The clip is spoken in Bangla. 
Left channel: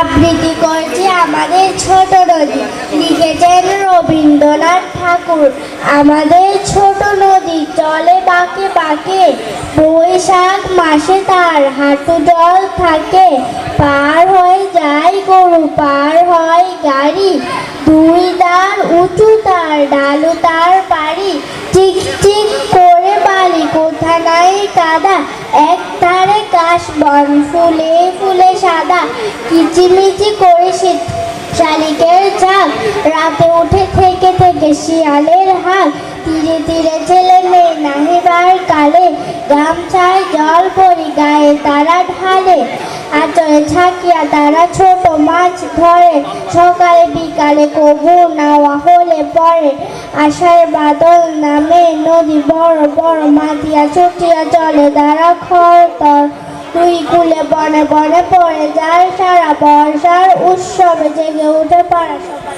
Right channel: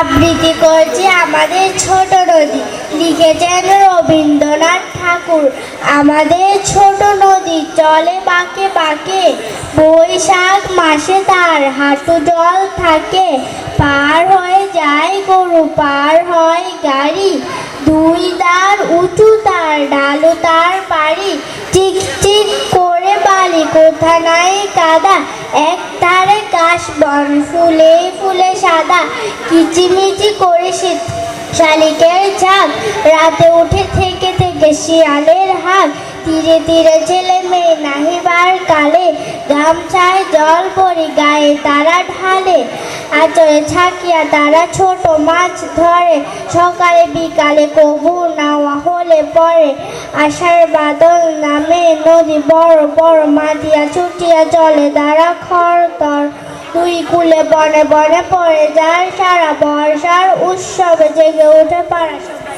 আবৃত্তি করছি আমাদের ছোট নদী, লিখেছেন রবীন্দ্রনাথ ঠাকুর। আমাদের ছোট নদী চলে বাঁকে বাঁকে, বৈশাখ মাসে তার হাঁটু জল থাকে। পার হয়ে যায় গরু, পার হয় গাড়ি, দুই দাঁড় উঁচু তার, ঢালু তার বাড়ি। চিক চিক করে বালি, কোথা নাই কাদা, এক ধারে কাশবন, ফুলে ফুলে সাদা। কিচিমিচি করে শীত শালিকের ঝাঁক, রাতে উঠে থেকে থেকে শিয়ালের হাঁক। তীরে তীরে ছেলে মেয়ে নাহিবার কালে, গামছায় জল পরি গায়ে তারা ঢালে। আঁচলে ছাকিয়া তারা ছোট মাছ ধরে, সকালে বিকালে কবু নাওয়া হলে পরে। আষাঢ় বাদল নামে নদী বড় বড়, মাতিয়া ছুটিয়া চলে তারা খরতর। দুই কূলে বনে বনে পড়ে যায় সারা, বর্ষার উৎসবে জেগে ওঠে পাড়া সবাই।